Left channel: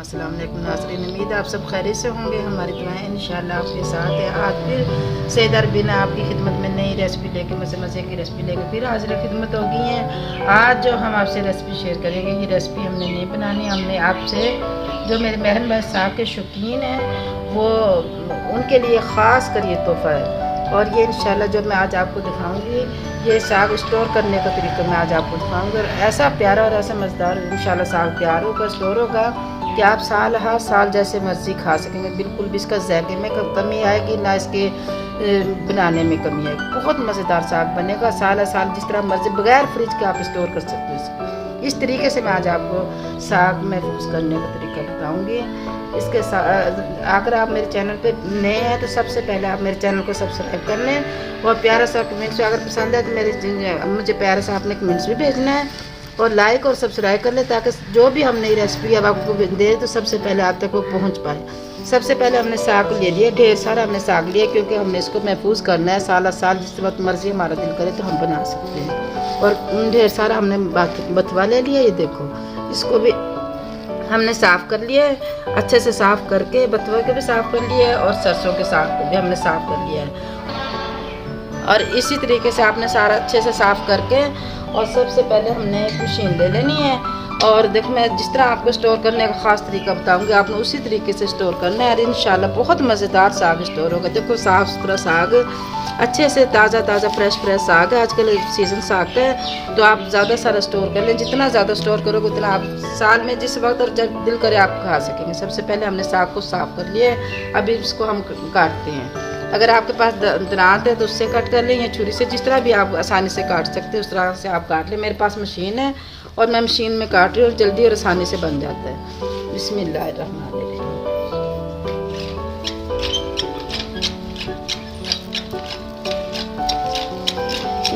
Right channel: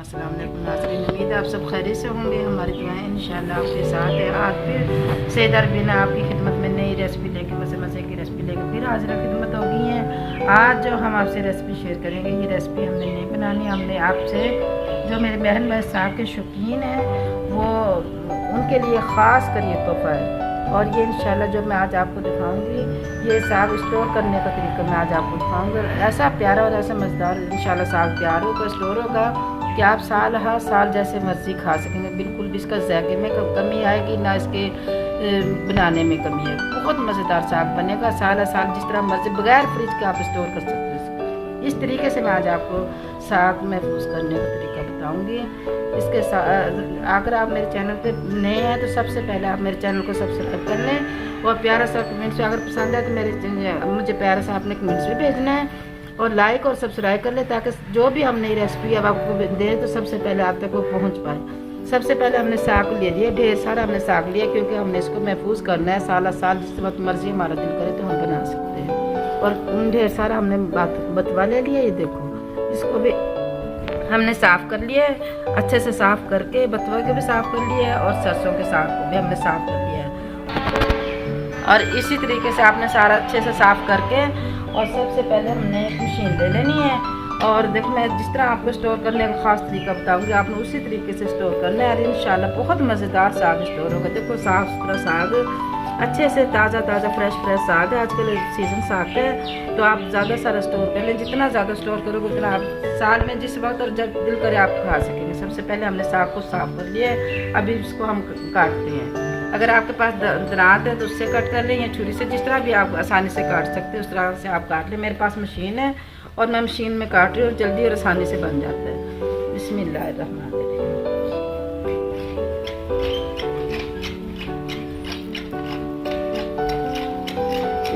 अस्सलाम वालेकुम नाज़रीन, उम्मीद है आप सब खैरियत से होंगे। हमारी दुआएं इंशाल्लाह आपके साथ है। आज फिर सेदर बिना आपकी खिदमत में नई रेसिपी लेके मज़े की रेसिपी लेके फिर हाजिर खिदमत हो गई है। आज जो हम आपसे रेसिपी शेयर करेंगे, ये रेसिपी हमने नहीं बनानी, हमने आपसे जो मेरे बहन भाई साग के शौकीन हैं वो उनके लिए ख़ास कर ये तोहफ़ा है। और ये इंशाल्लाह जो मैं आज आपको दिखाऊंगी, ये साग स्टोर करने का तरीका मैं आज आपको दिखाऊंगा। ऐसा प्यारा और ऐसा मज़ेदार इंशाल्लाह साग तैयार होगा, स्टोर होगा कि आप साल हर साल जैसे मर्जी खा सकेंगे। बिल्कुल भी इसका जायके में कमी आएगी ना इसके बनाने में कमी आएगी। बहुत मज़ेदार साग बनेगा, साल साल जिस तरह मर्जी बगैर फ्रिज के आप स्टोर कर सकते हो इसको। इस तरीके से मैं आज आपको साग महफूज करने का तरीका बताऊँगी। इसके अगर आप मेरे चैनल पे नए हैं तो सबसे पहले आप मेरे चैनल को सब्सक्राइब कर लें और प्यारा सा कमेंट्स अगर पसंद है तो मुझे प्यारा सा आपने कमेंट्स भी भेजना है और लाइक और सब्सक्राइब कर लें ताकि जो भी हम नई रेसिपी अब आपको दे तो सबसे पहले आप तक वो पहुँच पाए। सबसे पहले हमने साग ले लिया, ढेर सारा हमने साग लिया क्योंकि हमने इसको महफूज करना है। साल साल जिस वक्त मर्जी हमारा दिल करे तो हम बना सकते हैं। और ढेर सारा हमने बथवा ले लिया, ये देखो इसको भी हमने साफ़ कर लिया है। अच्छे से साफ़ करके बथुआ के भी साफ़ कर लिया है और सरसों के साग को भी हमने साफ़ कर लिया है। और इसी तरीके से आपने सारा अच्छे से साफ़ करके और सबसे पहले हमने मशीन ले लेनी है। और देखो मैं जिस तरह आपको स्टोर करने का ख़ास तरीका बताऊंगी, आपने उसी तरीके से स्टोर करना है और इंशाल्लाह बहुत मज़ेदार साग स्टोर होगा। देखो साफ़ सुथरा साग, अच्छे से ताज़ा फ्रेश साग है। आजकल सीज़न साग का है तो आप ज़्यादा सारा स्टोर कर लें। जितना ज़्यादा स्टोर करोगे उतना आप साल में जिस वक्त और जब दिल करे आप खा सकेंगे। सबसे पहले हमने साग को साफ़ कर लिया है। अभी इसको हम काटते हैं। अगर आपके पास दांत है तो उससे कट कर लें या छुरी से, जिस तरह भी आप आसानी से काट सकते हैं उस तरह से आप काट लें। मेरे पास मशीन है और मैं मशीन में काट रही हूँ और जल्दी और आसानी से बन जाता है। बिस्मिल्लाहिर्रहमानिर्रहीम।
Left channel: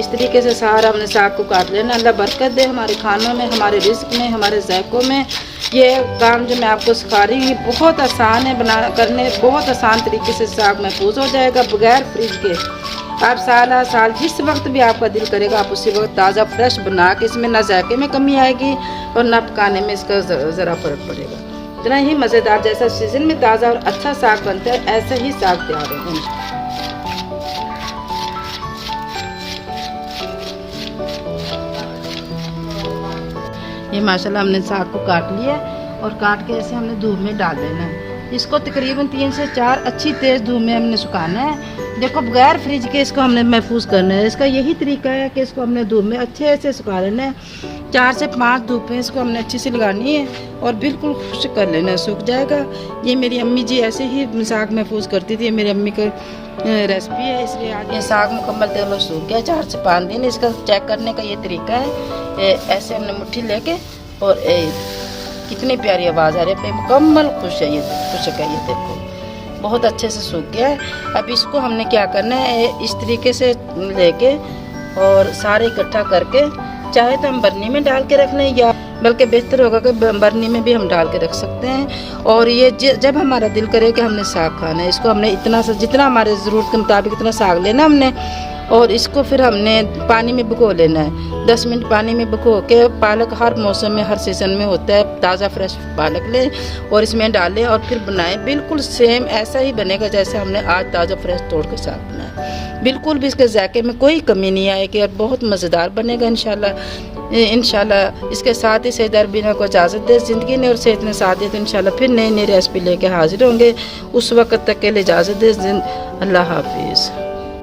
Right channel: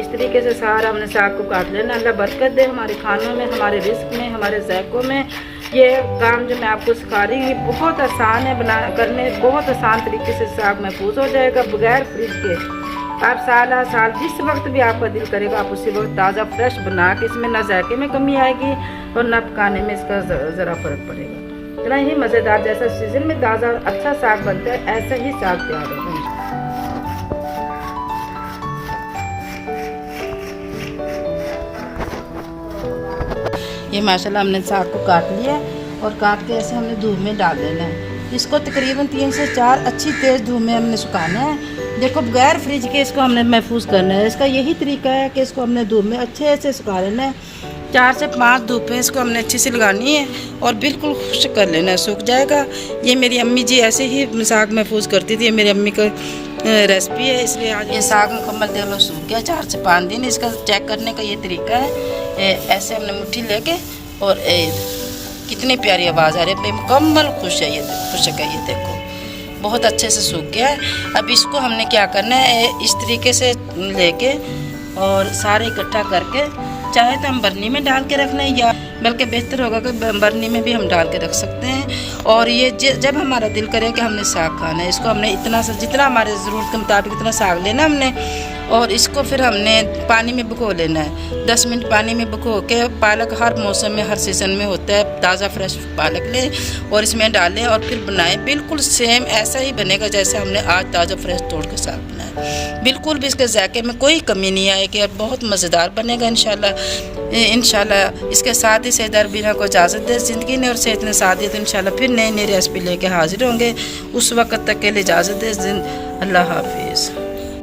इस तरीके से सारा हमने साग को काट लेना। अल्लाह बरकत दे हमारे खानों में, हमारे रिस्क में, हमारे जायकों में। ये काम जो मैं आपको सिखा रही हूँ बहुत आसान है करने, बहुत आसान तरीके से साग महफूज हो जाएगा बगैर फ्रिज के। आप साल जिस वक्त भी आपका दिल करेगा आप उसी वक्त ताज़ा फ्रेश बना के, इसमें ना जायके में कमी आएगी और ना पकाने में इसका ज़रा फ़र्क पड़ेगा। इतना ही मज़ेदार जैसा सीज़न में ताज़ा और अच्छा साग बनता है ऐसा ही साग तैयार होगा। ये माशाल्लाह हमने साग को काट लिया और काट के ऐसे हमने धूप में डाल देना है। इसको तकरीबन 3 से 4 अच्छी तेज़ धूप में हमने सुखाना है। देखो बगैर फ्रिज के इसको हमने महफूज करना है। इसका यही तरीका है कि इसको हमने धूप में अच्छे से सुखा लेना है। 4 से 5 धूपें इसको हमने अच्छी से लगानी है और बिल्कुल खुश्क कर लेना है, सूख जाएगा। ये मेरी अम्मी जी ऐसे ही साग महफूज करती थी, मेरी अम्मी का रेसिपी है। इसलिए आज ये साग मुकम्मल तेल सूख गया 4 से 5 दिन। इसका चेक करने का ये तरीका है, ऐसे हमने मुट्ठी लेके और कितनी प्यारी आवाज़ आ रही है, मुकम्मल खुश है, ये खुश्क है। ये देखो बहुत अच्छे से सूख गया है। अब इसको हमने क्या करना है, इस तरीके से लेके और सारे इकट्ठा करके, चाहे तो हम बर्नी में डाल के रख लें या बल्कि बेहतर होगा कि बर्नी में भी हम डाल के रख सकते हैं। और ये जब हमारा दिल करे कि हमने साग खाना है, इसको हमने इतना सा जितना हमारे ज़रूरत के मुताबिक इतना साग लेना हमने और इसको फिर हमने पानी में भिगो लेना है। 10 मिनट पानी में भिगो के, पालक हर मौसम में हर सीज़न में होता है, ताज़ा फ्रेश पालक लें और इसमें डालें और फिर बनाएं। बिल्कुल सेम ऐसा ही बनेगा जैसे हमने आज ताज़ा फ्रेश तोड़ के साग बनाया। बिल्कुल भी इसके जायके में कोई कमी नहीं आएगी और बहुत मज़ेदार बनेगा इंशाल्लाह। इसके साथ ही सेहदार बिना को इजाज़त दे ज़िंदगी ने और सेहत ने साथ दी तो इंशाल्लाह फिर नई रेसिपी लेके हाजिर होंगे। उस वक्त तक के लिए इजाज़त दे। अल्लाह हाफिज़।